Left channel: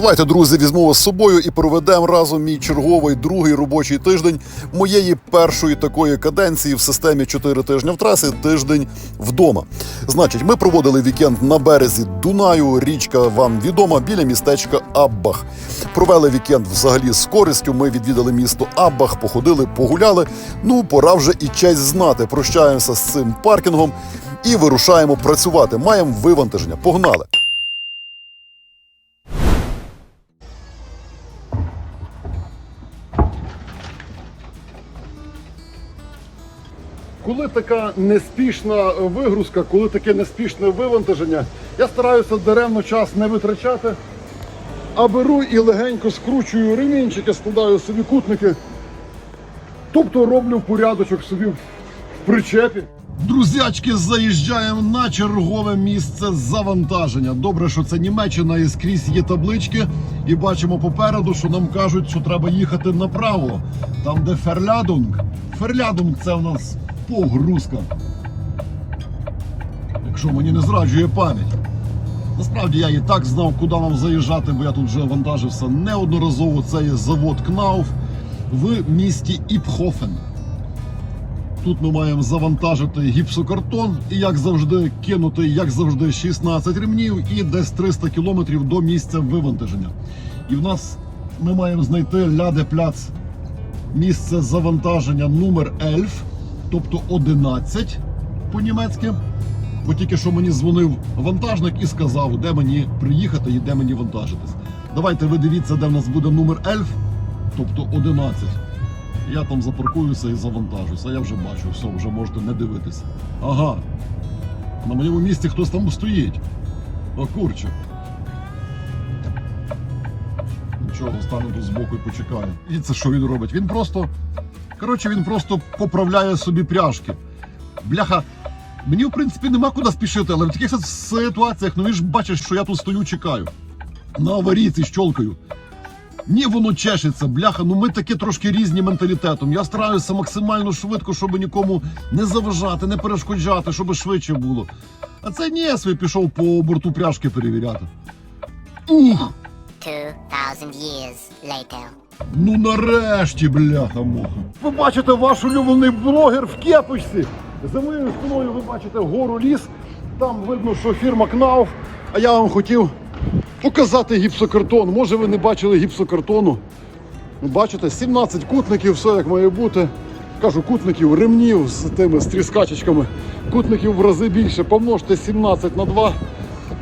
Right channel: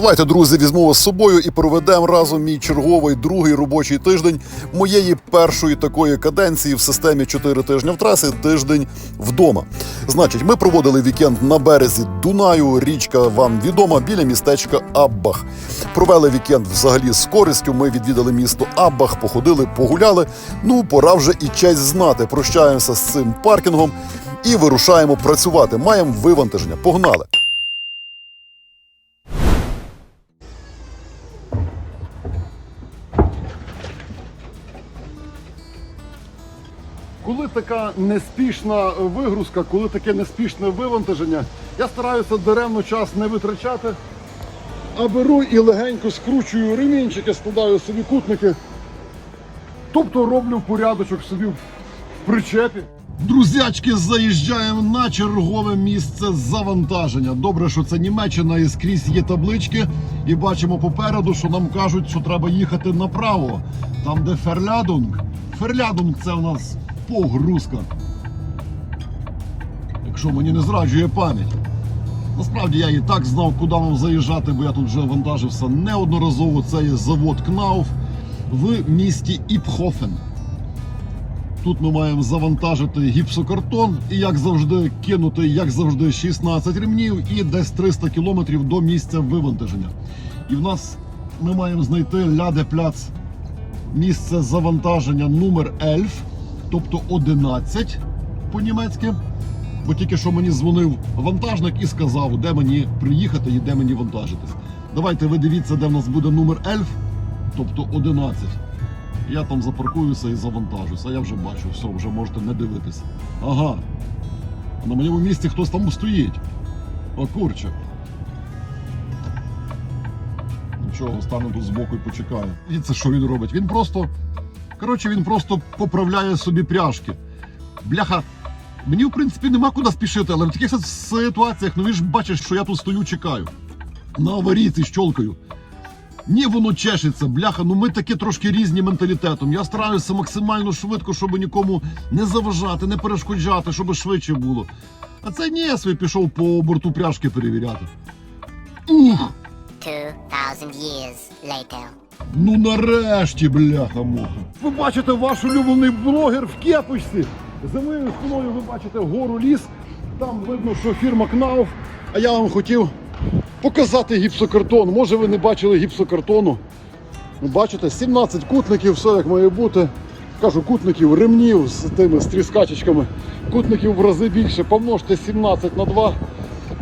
Давайте, друзі, візьму вас з собою і проведемо разом мій черговий другий робочий тиждень моєї першої такої каденції в системі 4 тижні в трасі, тиждень вдома. Значить, ми проводили вікенд на березі Дунаю. Річка вам відома біля містечка Аббах. Провели вікенд взагалі з користю. Ми відвідали місто Аббах, походили, погуляли. Ну, пора вже і честь знати. Прощаємося з цим паркінгом і вирушаємо працювати. Маємо вивантаження. Погнали! Коли така неспішна вигрузка, коли таке неспішне вивантаження, я стараюся даремно час не витрачати, а беру і легенько скручую ремінчики, складаю собі кутники. Тобто роблю порядочок собі в причепі. Друзячки, заїжджаємо на чергове місце завантаження. Добре, що це Німеччина і скрізь є таблички. І бачимо попереду, що нам кажуть, що треба їхати направо. Там, де Ферлядунг. Ферлядунг це у нас погрузка. Якщо мені не зраджує пам'ять. Насправді я і так знав, куди нам заїжджати, бо я тут вже вантажився неодноразово. Це є завод Кнауф в місті Іпхофен. Тут ми маємо завантажити гіпсокартон і, як завжди, кинути, як завжди, 16 ремнів і десь 300 кілометрів до місця вивантаження. І в нас ми маємо знайти ляде пляц місце завантаження номер Ельф, тобто 11 по-німецьки. Бо тільки що мені дзвонив вантажник і сказав, де мені приїхати і де мені вантажитись. Давайте ви дивіться, де в нас буде номер Ельф, тобто 11. Я там запаркуюся і завантажуся. Я вже бачу, все, вже можете не дивитися. Ага. На моєму місці хтось там стоїть. О, курче. Нічого, стану тут збоку і почекаю. І це що він робить? Він просто. Коротше, він просто поправляє собі пряжки. Бляха. Мені, в принципі, нема куди спішити, але в таких ситуаціях, ну він ж бачиш, що я тут стою, чекаю. На аварійці щолкаю. Ні, воно чешеться, бляха. Ну ми такі трошки різні менталітетом. Я стараюся максимально швидко, щоб нікому не заважати, не перешкоджати, щоб швидше було. А це ні, я собі пішов по борту пряжки перевіряти. Ух! 2,000 years later. Ну нарешті, бляха муха. Ви бачите ваш улюблений блогер в кепочці. За моєю спиною ви бачите гору ліс. Там видно, що фірма Кнауф. А я вам хотів показати гіпсокартон. Може ви не бачили гіпсокартону. Бачите, 17 кутників, все як має бути. Кажу, кутників, ремнів з тими з тріскачечками. Кутників в рази більше. Помножте 17 на 2,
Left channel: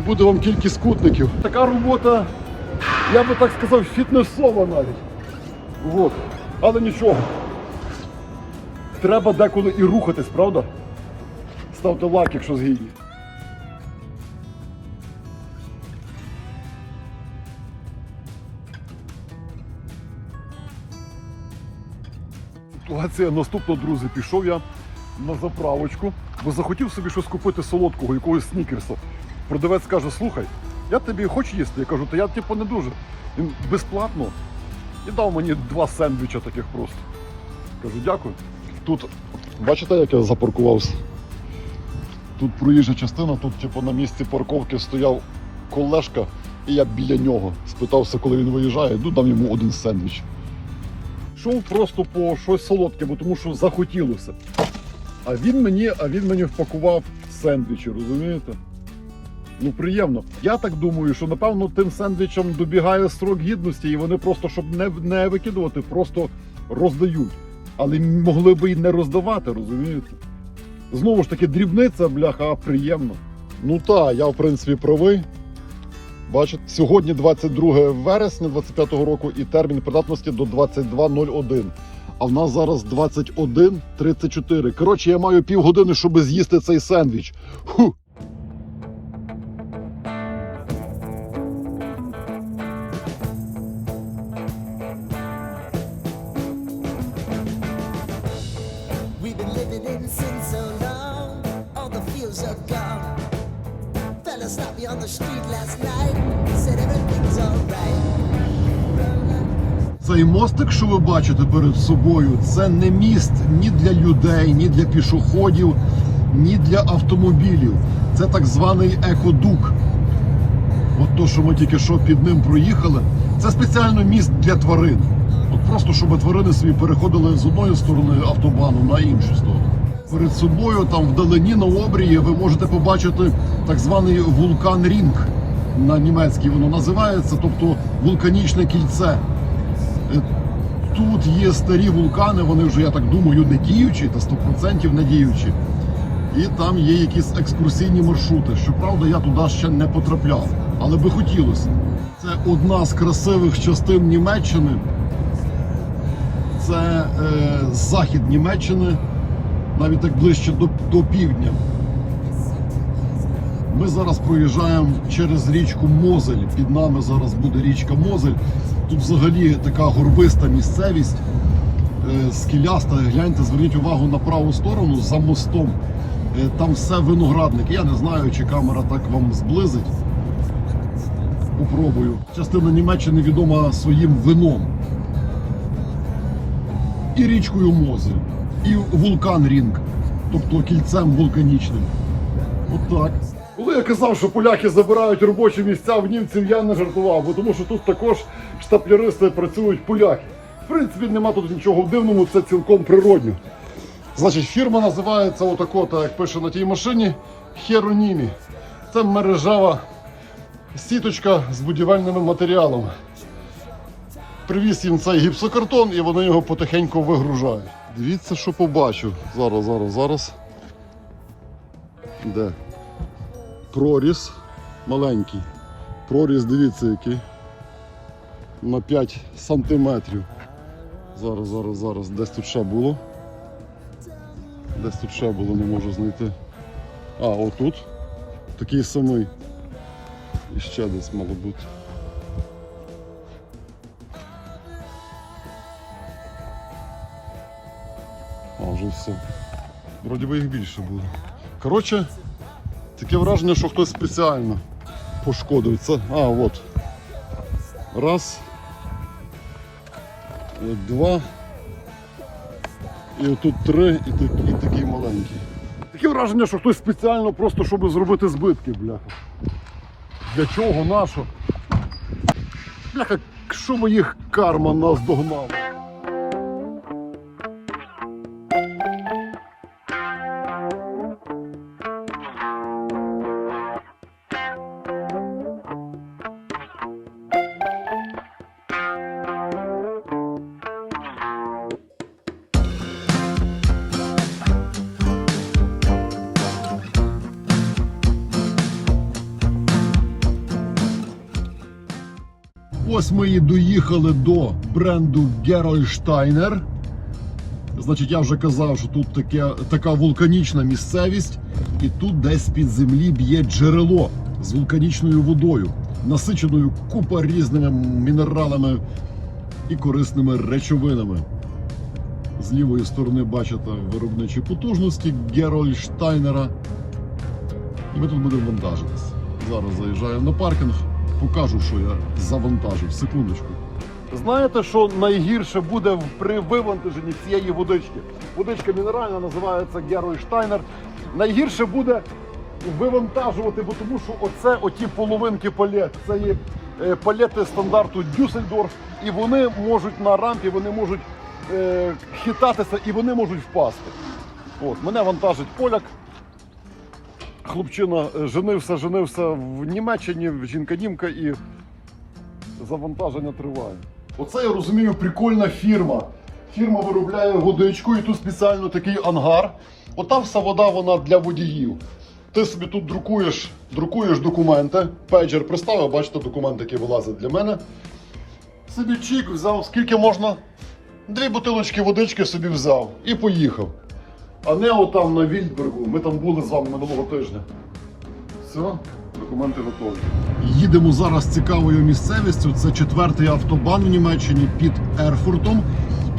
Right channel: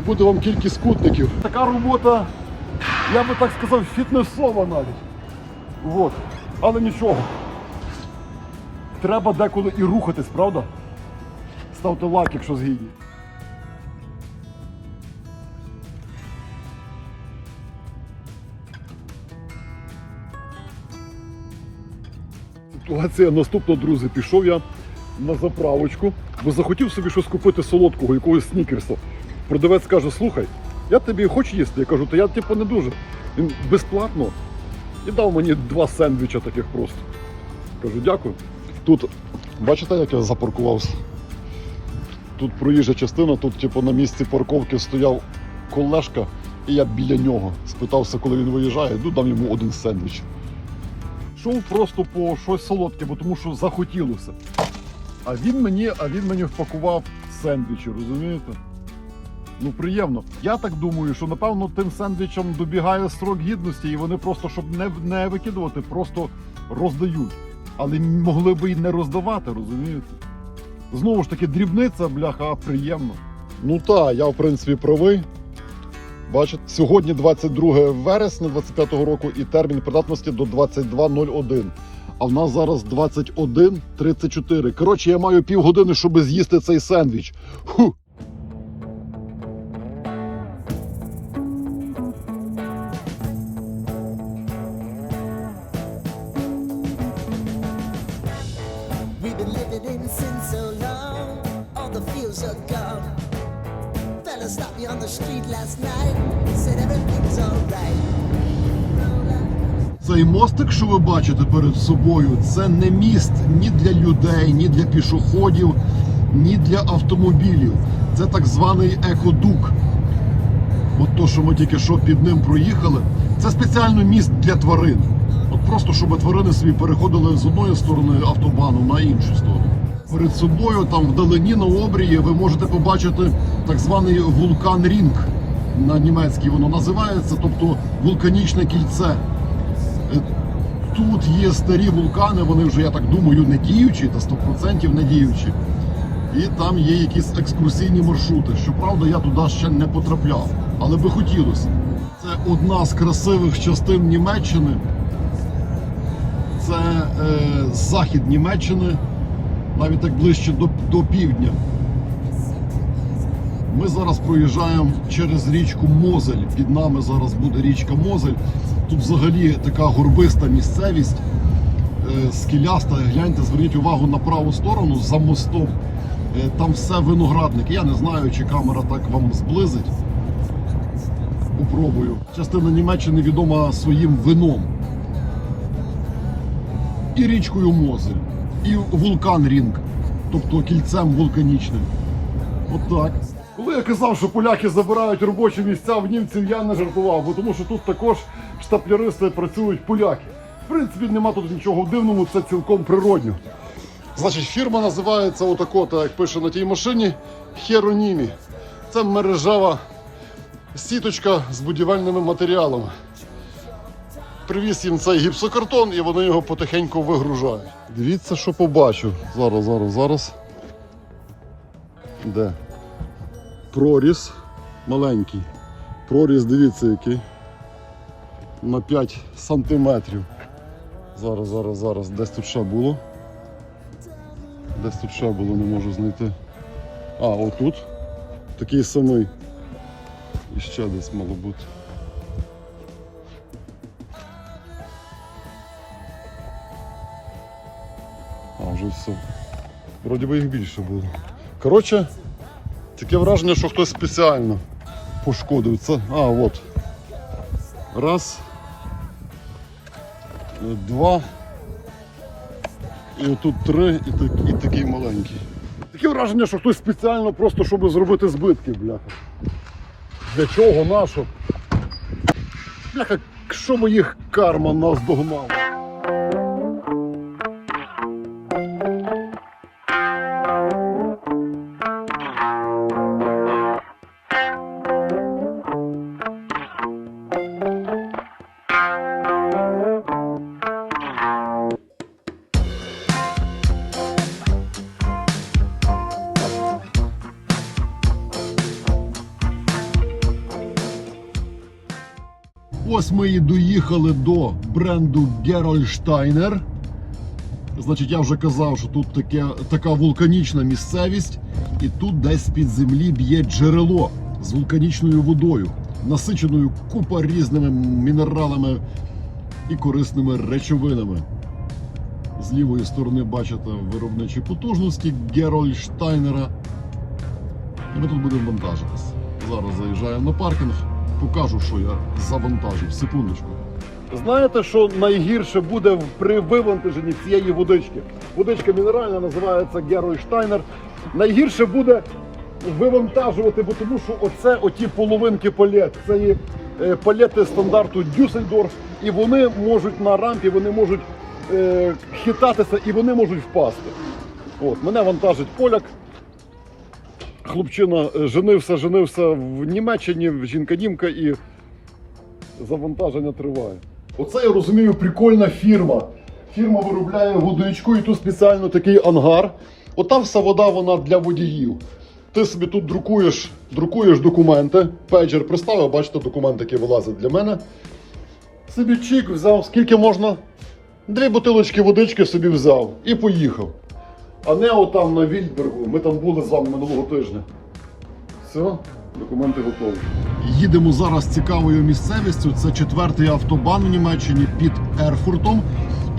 буде вам кількість кутників. Така робота, я би так сказав, фітнесова навіть. Вот. Але нічого. Треба деколи і рухатись, правда? Ставте лайк, якщо згідні. Ситуація наступна, друзі. Пішов я на заправочку, бо захотів собі щось купити солодкого, якогось снікерса. Продавець каже: слухай, я тобі хочу їсти. Я кажу, та я типу не дуже. Він безплатно і дав мені два сендвіча таких просто. Кажу, дякую. Тут, бачите, як я запаркувався? Тут проїжджа частина, тут, типу, на місці парковки стояв колешка, і я біля нього спитався, коли він виїжджає, ну там йому один сендвіч. Йшов просто по щось солодке, бо тому що захотілося. А він мені, а він мені впакував сендвічі, розумієте? Ну приємно. Я так думаю, що напевно тим сендвічам добігає срок гідності, і вони просто, щоб не, не викидувати, просто роздають. Але могли би і не роздавати, розумієте? Знову ж таки, дрібниця, бляха, приємно. Ну так, я в принципі правий. Бачите, сьогодні 22 вересня 25-го року і термін придатності до 22.01. А в нас зараз 21.34. Коротше, я маю півгодини, щоб з'їсти цей сендвіч. Ху. Sin so long, all the fields are gone. Fella stopped me on the street last night, said everything's alright. Цей мостик, що ви бачите перед собою, це не міст ні для людей, ні для пішоходів, ні для автомобілів. Це так званий екодук. От то, що ми тільки що під ним проїхали, це спеціально міст для тварин. От просто щоб тварини собі переходили з одної сторони автобану на іншу сторону. Перед собою, там вдалині на обрії, ви можете побачити так званий вулкан Рінг. На німецькій воно називається, тобто вулканічне кільце. Е, Тут є старі вулкани, вони вже, я так думаю, не діючі, та 100% не діючі. І там є якісь екскурсійні маршрути. Щоправда, я туди ще не потрапляв, але би хотілося. Це одна з красивих частин Німеччини. Це е, захід Німеччини, навіть так ближче до, до півдня. Ми зараз проїжджаємо через річку Мозель. Під нами зараз буде річка Мозель. Тут взагалі така горбиста місцевість, е, скеляста. Гляньте, зверніть увагу на праву сторону за мостом. Е, Там все виноградник. Я не знаю, чи камера так вам зблизить. Попробую. Частина Німеччини відома своїм вином. І річкою Мозель, і вулкан Рінг, тобто кільцем вулканічним. Отак. Коли я казав, що поляки забирають робочі місця в німців, я не жартував, бо тому що тут також штапляристи працюють поляки. В принципі, нема тут нічого дивного, це цілком природньо. Значить, фірма називається отако, так як пише на тій машині, Херонімі. Це мережева сіточка з будівельними матеріалами. Привіз їм цей гіпсокартон і вони його потихеньку вигружають. Дивіться, що побачу. Зараз, зараз, зараз. Де? Проріз маленький. Проріз, дивіться, який. На 5 сантиметрів. Зараз, зараз, зараз. Десь тут ще було. Десь тут ще було, не можу знайти. А, отут. Такий самий. І ще десь мало бути. А. Вроді би їх більше було. Коротше, таке враження, що хтось спеціально пошкодив це. А, от. Раз. Два. І тут три, і, так- і такий маленький. Таке враження, що хтось спеціально просто, щоб зробити збитки, бляха. Для чого, нащо? Бляха, що моїх карма нас догнала. Ось ми і доїхали до бренду Gerolsteiner. Значить, я вже казав, що тут таке, така вулканічна місцевість, і тут десь під землі б'є джерело з вулканічною водою, насиченою купа різними мінералами і корисними речовинами. З лівої сторони бачите виробничі потужності Герольштайнера. І ми тут будемо вантажитись. Зараз заїжджаємо на паркінг, покажу, що я завантажив. Секундочку. Знаєте, що найгірше буде при вивантаженні цієї водички? Водичка мінеральна називається Геройштайнер. Найгірше буде вивантажувати, бо тому що оце оті половинки палет. Це є е, палети стандарту Дюссельдорф, і вони можуть на рампі, вони можуть е, хитатися і вони можуть впасти. От, мене вантажить поляк. Хлопчина е, женився, женився в Німеччині, жінка-німка і завантаження триває. Оце я розумію, прикольна фірма. Фірма виробляє водичку і тут спеціально такий ангар. От там вся вода вона для водіїв. Ти собі тут друкуєш, друкуєш документи. Пейджер приставив, бачите, документи, які вилазять для мене. Собі чик взяв, скільки можна. Дві бутилочки водички собі взяв і поїхав. А не отам на Вільбергу. Ми там були з вами минулого тижня. Все, документи готові. Їдемо зараз цікавою місцевістю. Це четвертий автобан в Німеччині під Ерфуртом.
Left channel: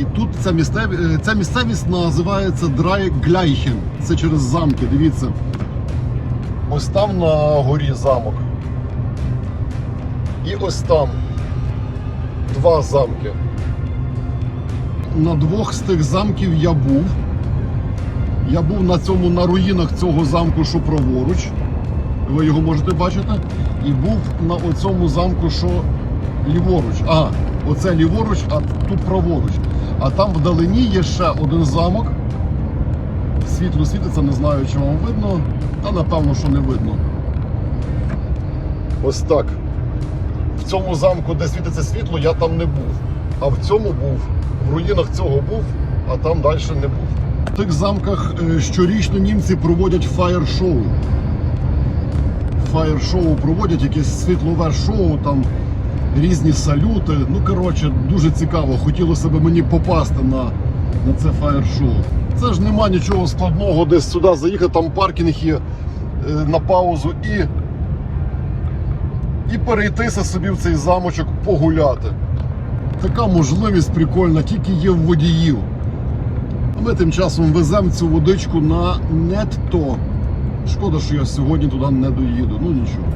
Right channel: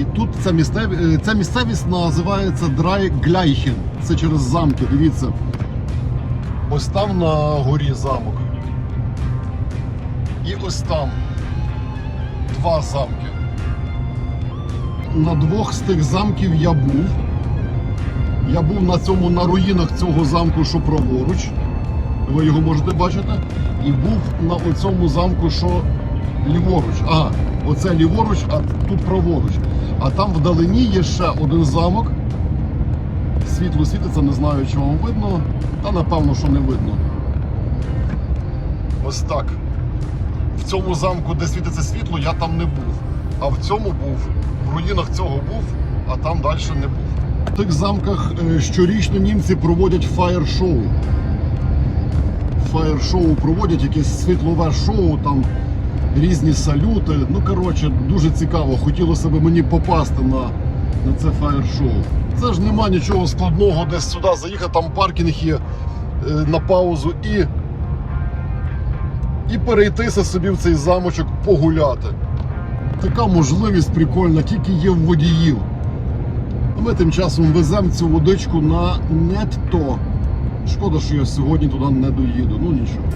І тут ця, місцев... е, ця місцевість називається Драйгляйхен. Це через замки. Дивіться. Ось там на горі замок. І ось там два замки. На двох з тих замків я був. Я був на цьому на руїнах цього замку, що праворуч. ви його можете бачити. І був на оцьому замку, що ліворуч. Ага, оце ліворуч, а тут праворуч. А там вдалині є ще один замок. Світло світиться, не знаю, чи вам видно, та напевно, що не видно. Ось так. В цьому замку, де світиться світло, я там не був. А в цьому був, в руїнах цього був, а там далі не був. В тих замках е, щорічно німці проводять фаєр-шоу. Фаєр-шоу проводять якесь світлове шоу, там різні салюти. Ну, коротше, дуже цікаво. Хотілося б мені попасти на, на це фаєр-шоу. Це ж нема нічого складного, десь сюди заїхати, там паркінг є е, на паузу і і перейтися собі в цей замочок погуляти. Така можливість прикольна, тільки є в водіїв. Ми тим часом веземо цю водичку на нетто. Шкода, що я сьогодні туди не доїду. Ну нічого.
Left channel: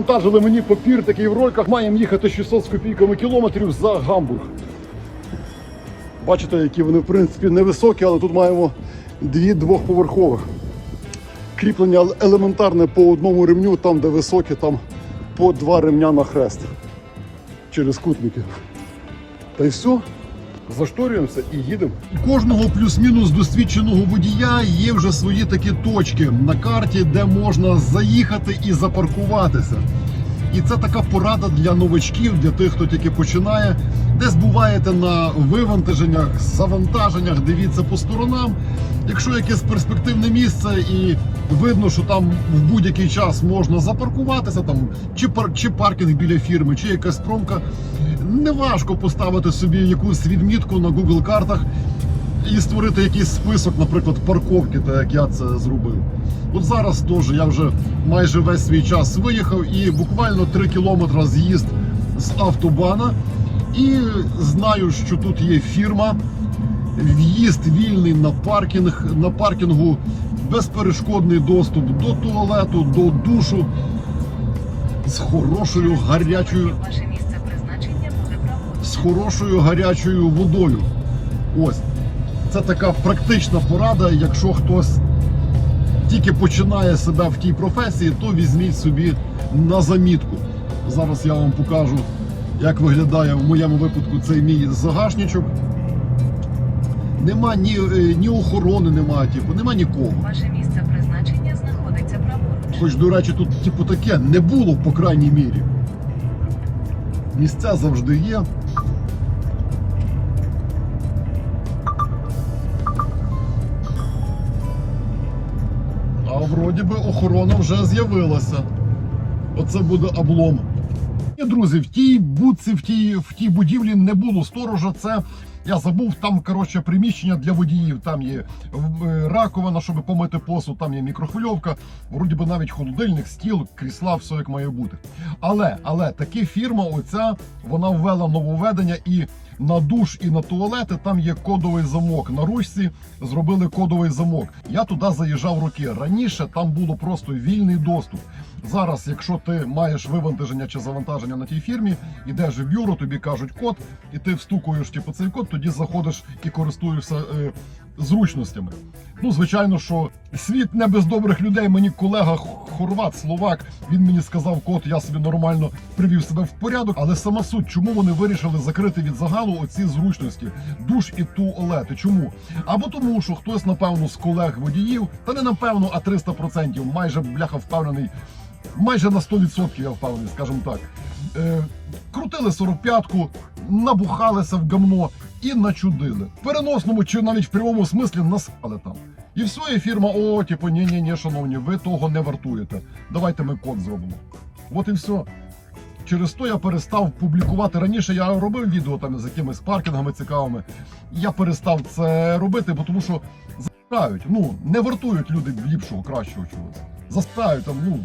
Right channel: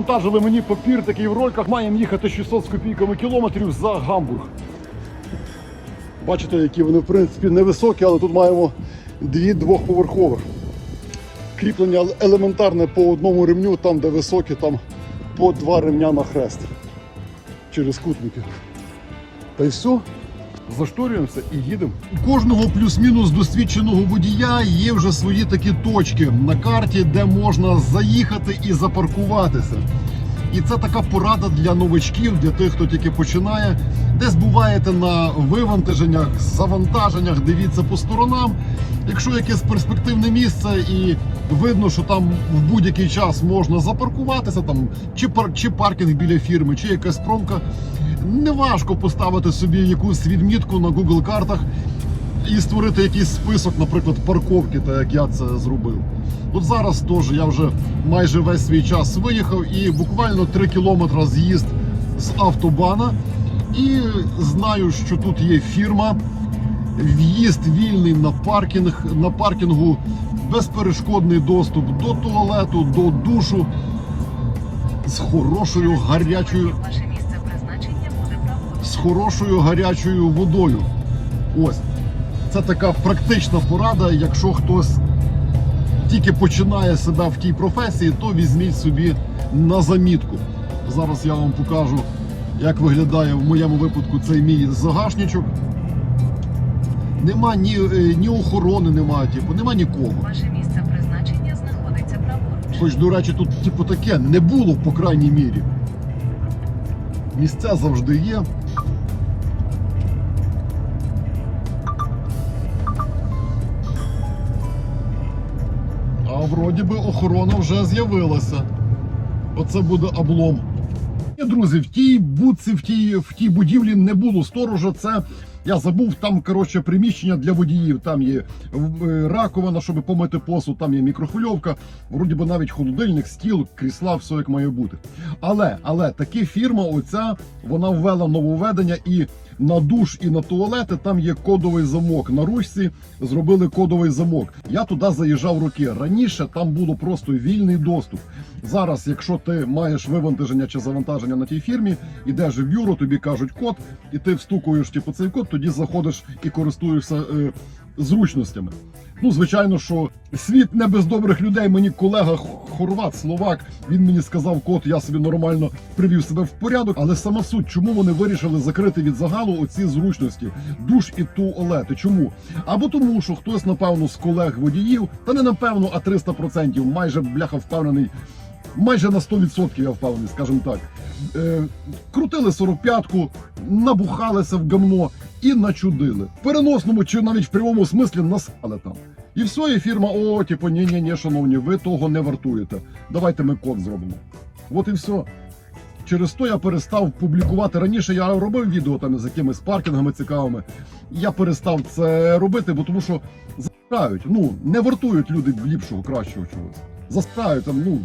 Вантажили мені папір такий в рольках. Маємо їхати 600 з копійками кілометрів за Гамбург. Бачите, які вони в принципі невисокі, але тут маємо дві двохповерхових. Кріплення елементарне по одному ремню, там де високі, там по два ремня на хрест. Через кутники. Й все. Зашторюємося і їдемо. У кожного плюс-мінус досвідченого водія є вже свої такі точки на карті, де можна заїхати і запаркуватися. І це така порада для новачків, для тих, хто тільки починає. Десь буваєте на вивантаженнях, завантаженнях, дивіться по сторонам. Якщо якесь перспективне місце і видно, що там в будь-який час можна запаркуватися, там чи пар чи паркінг біля фірми, чи якась промка, неважко поставити собі якусь відмітку на Google картах і створити якийсь список, наприклад, парковки, так як я це зробив. От зараз теж я вже майже весь свій час виїхав і буквально 3 кілометри з'їзд з автобана. І знаю, що тут є фірма. В'їзд вільний на паркінг, на паркінгу безперешкодний доступ до туалету, до душу з хорошою гарячою хорошою гарячою водою. Ось. Це така практична порада. Якщо хтось тільки починає себе в тій професії, то візьміть собі на замітку. Зараз я вам покажу, як виглядає в моєму випадку цей мій загашничок. Нема ні, е, ні охорони, немає, типу, нема нікого. Ваше місце призначення знаходиться праворуч. Хоч, до речі, тут типу таке не було, по крайній мірі. Місця завжди є. Вже з'явилася. Оце буде облом. Ні, друзі, в тій будці, в тій, в тій будівлі не було сторожа. Це я забув, там коротше приміщення для водіїв. Там є е, раковина, щоб помити посуд, там є мікрохвильовка, вроді би навіть холодильник, стіл, крісла, все як має бути. Але, але таки фірма, оця, вона ввела нововведення і. На душ і на туалети там є кодовий замок. На ручці зробили кодовий замок. Я туди заїжджав роки. Раніше там було просто вільний доступ. Зараз, якщо ти маєш вивантаження чи завантаження на тій фірмі, ідеш в бюро, тобі кажуть код, і ти встукуєш типу, цей код, тоді заходиш і користуєшся е, зручностями. Ну, звичайно, що світ не без добрих людей. Мені колега хорват, словак, він мені сказав, кот, я собі нормально привів себе в порядок. Але сама суть, чому вони вирішили закрити від загалу оці зручності, душ і туалети. Чому? Або тому, що хтось, напевно, з колег водіїв, та не напевно, а 300%, майже бляха впевнений, майже на 100% я впевнений, скажімо так. Е, крутили 45-ку, набухалися в гамно і начудили. В переносному чи навіть в прямому смислі наспали там. І все, і фірма, о, типу, ні, ні, ні, шановні, ви того не вартуєте. Давайте ми код зробимо. От і все. Через то я перестав публікувати. Раніше я робив відео там з якимись паркінгами цікавими. Я перестав це робити, бо тому що заспирають. Ну, не вартують люди ліпшого, кращого чогось. Заспирають там, ну.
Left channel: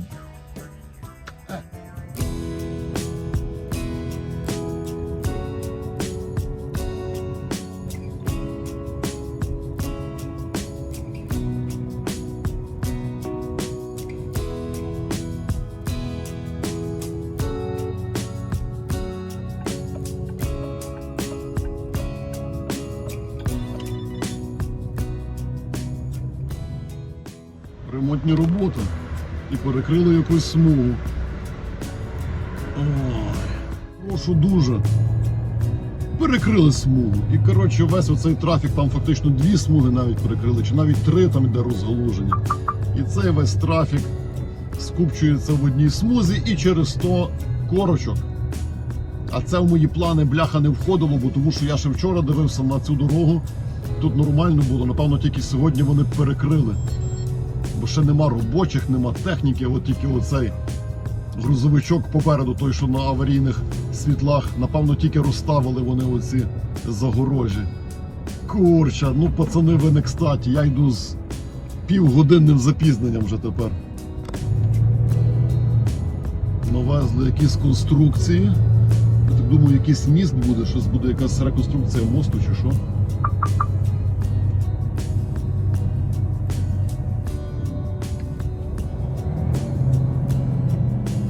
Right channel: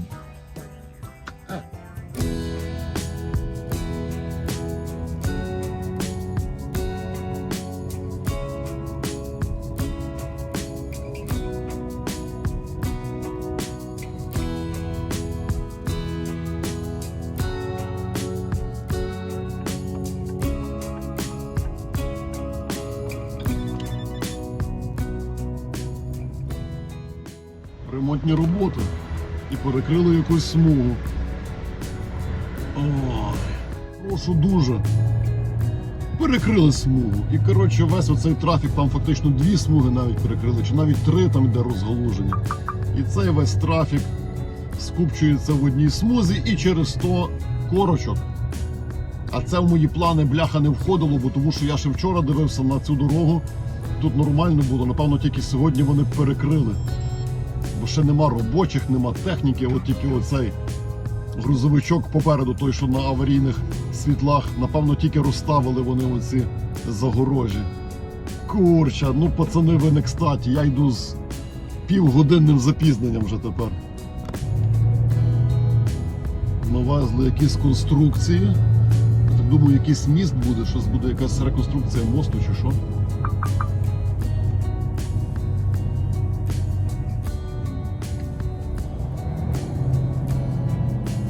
Коротше весь оцей трафік, там фактично дві смуги навіть перекрили, чи навіть три там йде розгалуження. І цей весь трафік скупчується в одній смузі і через 100 корочок. А це в мої плани бляха не входило, бо тому що я ще вчора дивився на цю дорогу. Тут нормально було, напевно, тільки сьогодні вони перекрили бо ще нема робочих, нема техніки, от тільки оцей грузовичок попереду, той, що на аварійних світлах, напевно, тільки розставили вони оці загорожі. Курча, ну пацани, ви не кстаті, я йду з півгодинним запізненням вже тепер. Навезли якісь конструкції. Я так думаю, якийсь міст буде, щось буде якась реконструкція мосту чи що.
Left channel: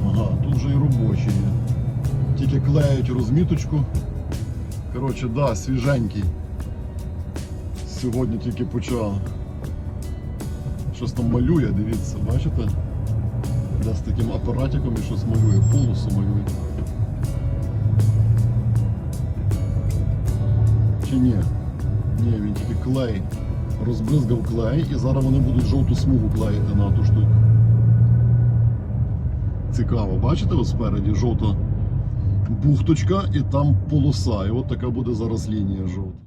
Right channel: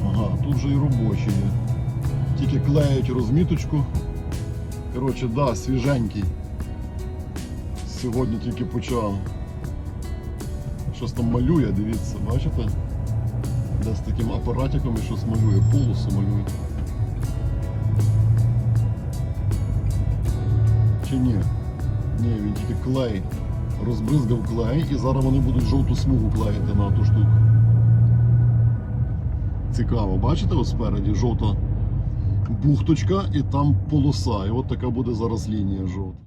Ага, тут вже і робочі. Тільки клеють розміточку. Коротше, да, свіженький. Сьогодні тільки почав. Щось там малює, дивіться, бачите? Де з таким апаратиком і щось малює, полосу малює. Чи ні? Ні, він тільки клей. Розбризгав клей і зараз вони будуть жовту смугу клеїти на ту штуку. Цікаво, бачите ось спереді жовта бухточка і там полоса. І от така буде зараз лінія жовта.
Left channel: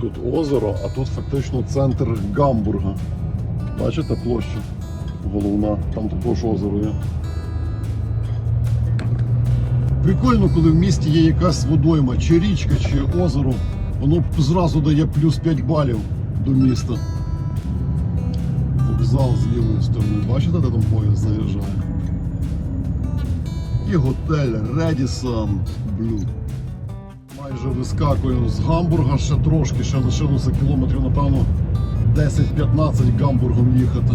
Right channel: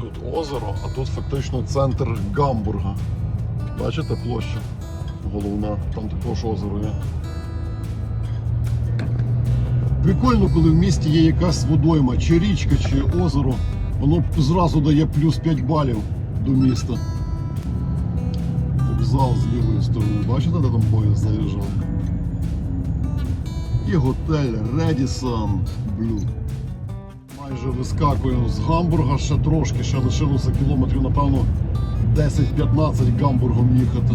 Тут озеро, а тут фактично центр Гамбурга. Бачите площа головна, там також озеро є. Прикольно, коли в місті є якась водойма, чи річка, чи озеро, воно зразу дає плюс 5 балів до міста. Зал з лівої сторони, бачите, де там поїзд заїжджає? І готель Редісон. Майже вискакую з Гамбурга ще трошки, ще лишилося кілометрів, напевно, 10-15 Гамбургом їхати.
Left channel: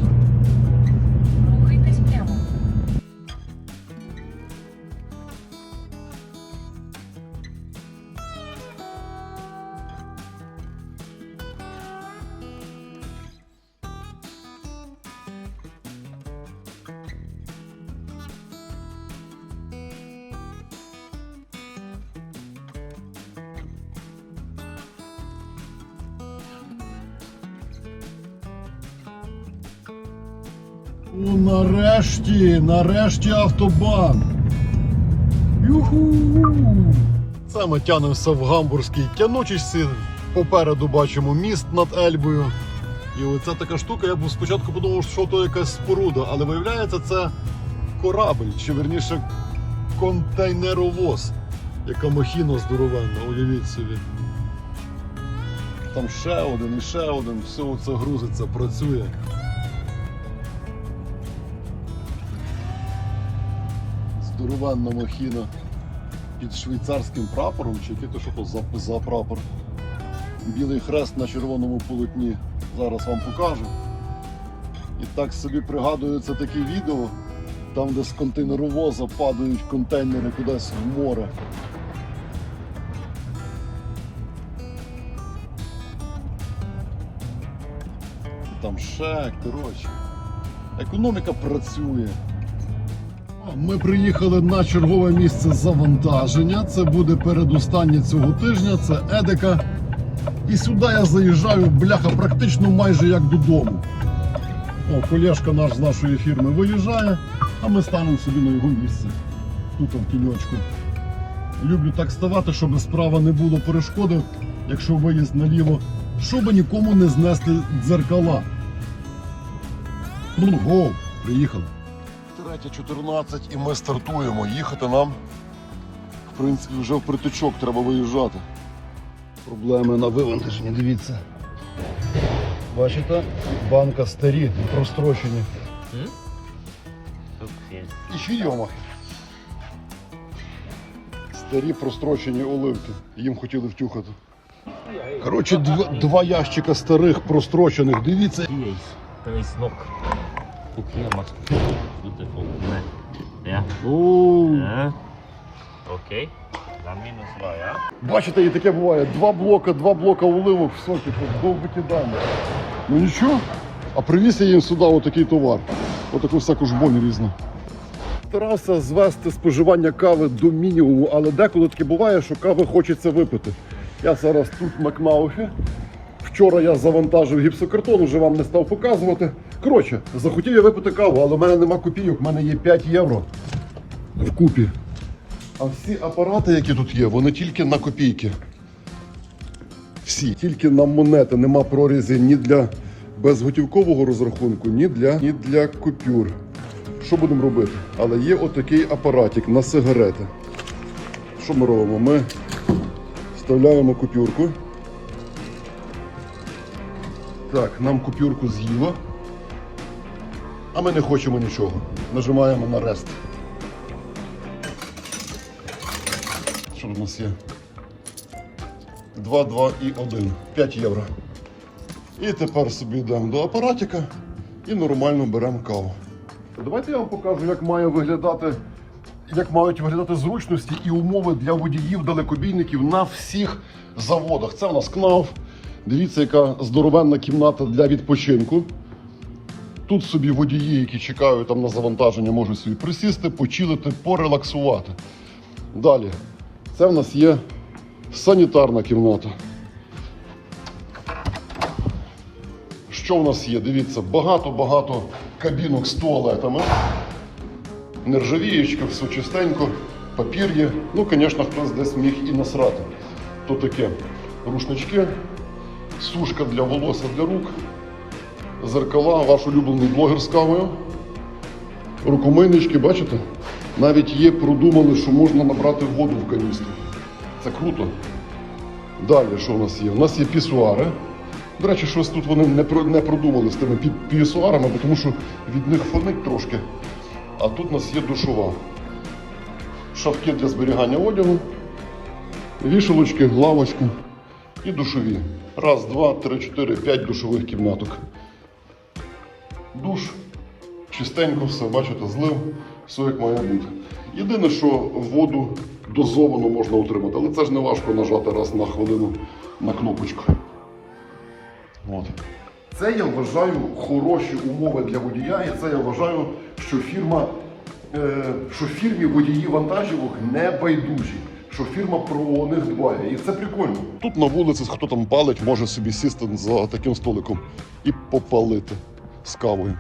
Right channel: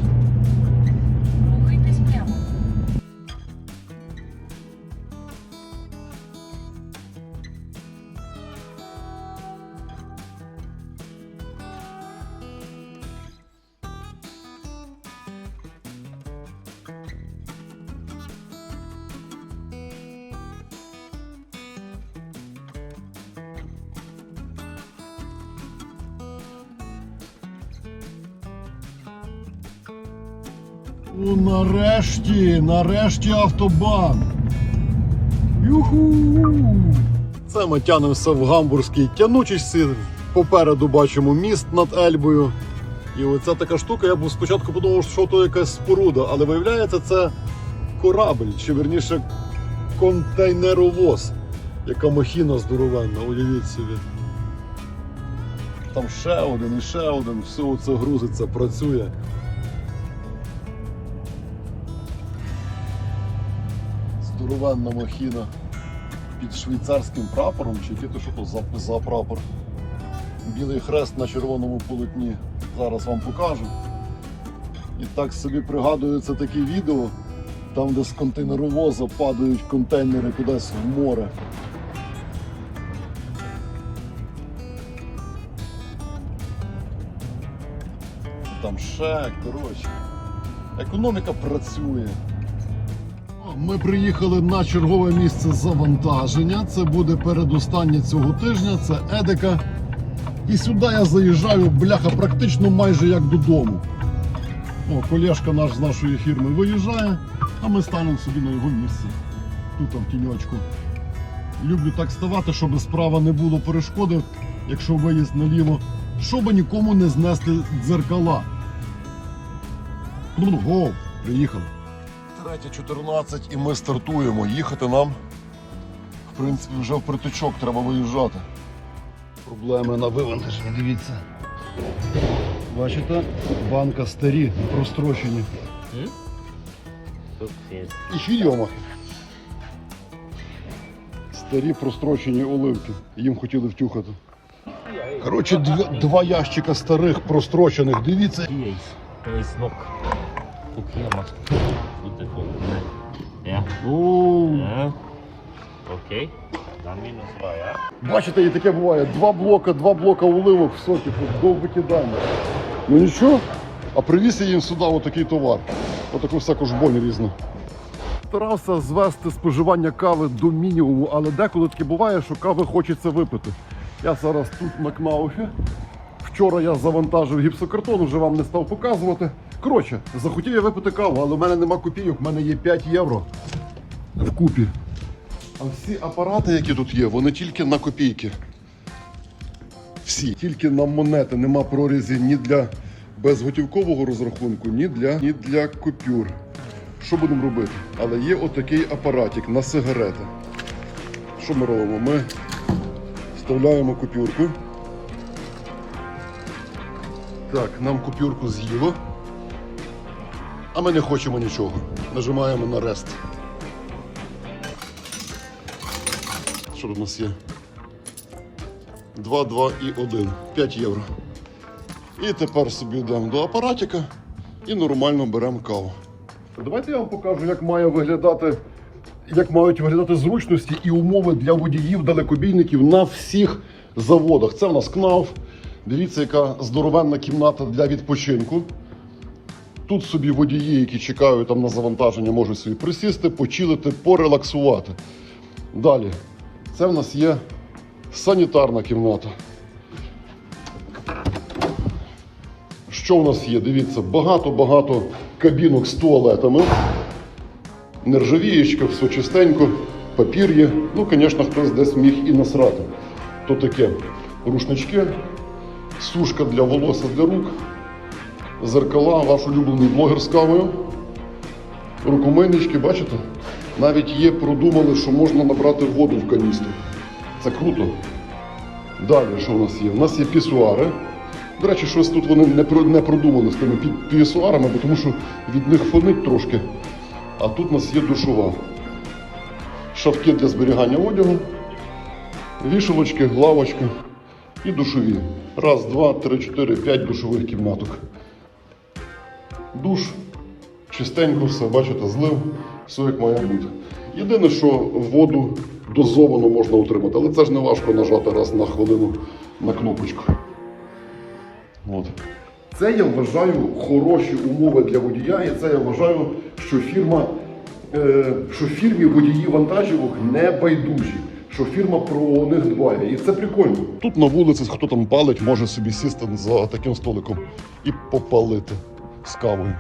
Ну, нарешті, нарешті автобан. Юху! Це ми тянемося в гамбурзькій тянучості. Попереду бачимо міст над Ельбою. І оця така штука, я був спочатку подумав, що то якась споруда, але виявляється, це корабль, чи верніше контейнеровоз. Яка махіна здоровенна, уявіть собі. Там ще один і ще один, все це грузиться, працює. Здоровенна махіна під швейцарським прапором, чи який то що то за, за прапор. Білий хрест на червоному полотні. Зараз вам покажу. І так собі пригадується таке відео, там, де з контейнеровоза падають контейнери кудись в море. Кошак, коротше. Економіка працює. Ми приїхали на чергове місце завантаження. Це буде передостаннє цього тижня. Це Едека. І сюди я заїжджаю, бляха, практично майже як додому. О, колешка наш з нашої фірми виїжджає, а ми станемо собі на його місце. Тут в тіньочку. Люблю так ставати, щоб справа не було перешкоди, якщо виїзд наліво, щоб нікому не знести дзеркала. Ну, го, приїхали. 3.14 і ми стартуємо. Їхати нам, в принципі, вже в притичок треба виїжджати. Проблеми на вивантаженні, дивіться. Бачите, банка старі, розтрощені. І ще йомахи. Старі прострочені оливки. Їм хотіли втюхати. Коротше, два, два ящика старих прострочених. Дивіться. Yes. Тут я masz tutaj podobne. Ja? О, E? Okej. Na. Бачите, і таке буває. Два блока, два блока оливок, все, типу, викидання. Ну нічого, а привіз я їм сюди отакий товар. Отаку всяку жбонь різну. Старався звести споживання кави до мінімуму, але деколи таке буває, що кави хочеться випити. Я зараз тут в Макмауфі. Вчора я завантажив гіпсокартон, вже вам не став показувати. Коротше, захотів я випити каву, але в мене нема копійок, в мене є 5 євро вкупі. А всі апарати, які тут є, вони тільки на копійки. Всі. Тільки на монети, нема прорізів ні для безготівкового розрахунку, ні для, ні для купюр. Що будемо робити? Але є отакий апаратик на сигарети. Що ми робимо? Ми вставляємо купюрку. Так, нам купюрку з'їло. А ми не хочемо нічого. Нажимаємо на рест. Що тут у нас є? 2, 2 і 1. 5 євро. І тепер собі йдемо до апаратика і нормально беремо каву. Давайте я вам покажу, як має виглядати, як мають виглядати зручності і умови для водіїв далекобійників на всіх заводах. Це у нас КНАУФ. Дивіться, яка здоровенна кімната для відпочинку. Тут собі водії, які чекають там на завантаження, можуть собі присісти, почилити, порелаксувати. Далі, це в нас є санітарна кімната. Що в нас є? Дивіться, багато-багато кабінок з туалетами. Нержавієчка, все чистенько, папір є. Ну, звісно, хтось десь міг і насрати. То таке рушнички, сушка для волосся для рук, зеркала, ваш улюблений блогер з кавою. Рукомийнички, бачите? Навіть є, продумали, що можна набрати воду в каністру. Це круто. Далі, що в нас є? У нас є пісуари. До речі, щось тут вони не, про- продумали з тими пі- пісуарами, тому що від них фонить трошки. А тут у нас є душова. Шовки для зберігання одягу, вішалочки, лавочка і душові. Раз, два, три, чотири, п'ять душових кімнаток. Душ, чистенько все, бачите, злив, все як мало бути. Єдине, що воду дозовано можна отримати, але це ж не важко нажати раз на хвилину на кнопочку. От. Це я вважаю хороші умови для водія, і це я вважаю, що фірма, е, що фірмі водії вантажівок не байдужі, що фірма про них дбає. І це прикольно. Тут на вулиці хто там палить, може собі сісти за таким столиком і попалити з кавою.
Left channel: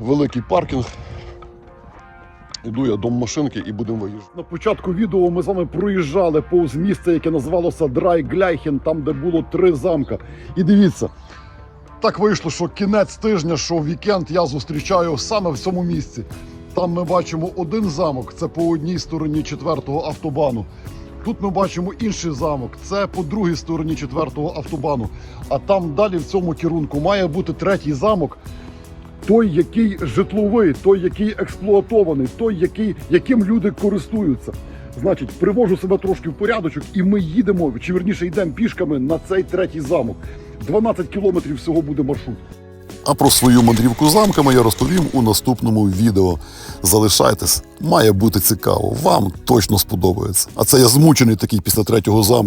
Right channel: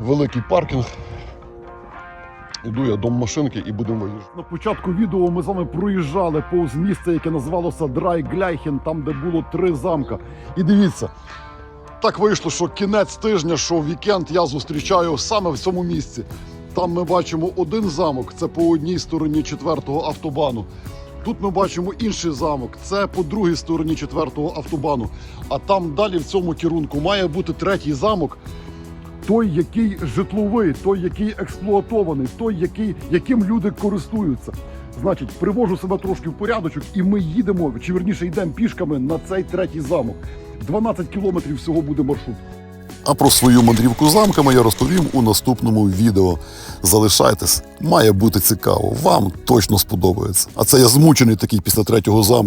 Великий паркінг. Іду я до машинки і будемо виїжджати. На початку відео ми з вами проїжджали повз місце, яке називалося Драйгляйхен, там де було три замка. І дивіться, так вийшло, що кінець тижня, що вікенд я зустрічаю саме в цьому місці. Там ми бачимо один замок, це по одній стороні четвертого автобану. Тут ми бачимо інший замок, це по другій стороні четвертого автобану. А там далі в цьому керунку має бути третій замок, той, який житловий, той, який експлуатований, той, який, яким люди користуються. Значить, привожу себе трошки в порядочок, і ми їдемо, чи верніше йдемо пішками на цей третій замок. 12 кілометрів всього буде маршрут. А про свою мандрівку замками я розповім у наступному відео. Залишайтесь, має бути цікаво. Вам точно сподобається. А це я змучений такий після третього замка.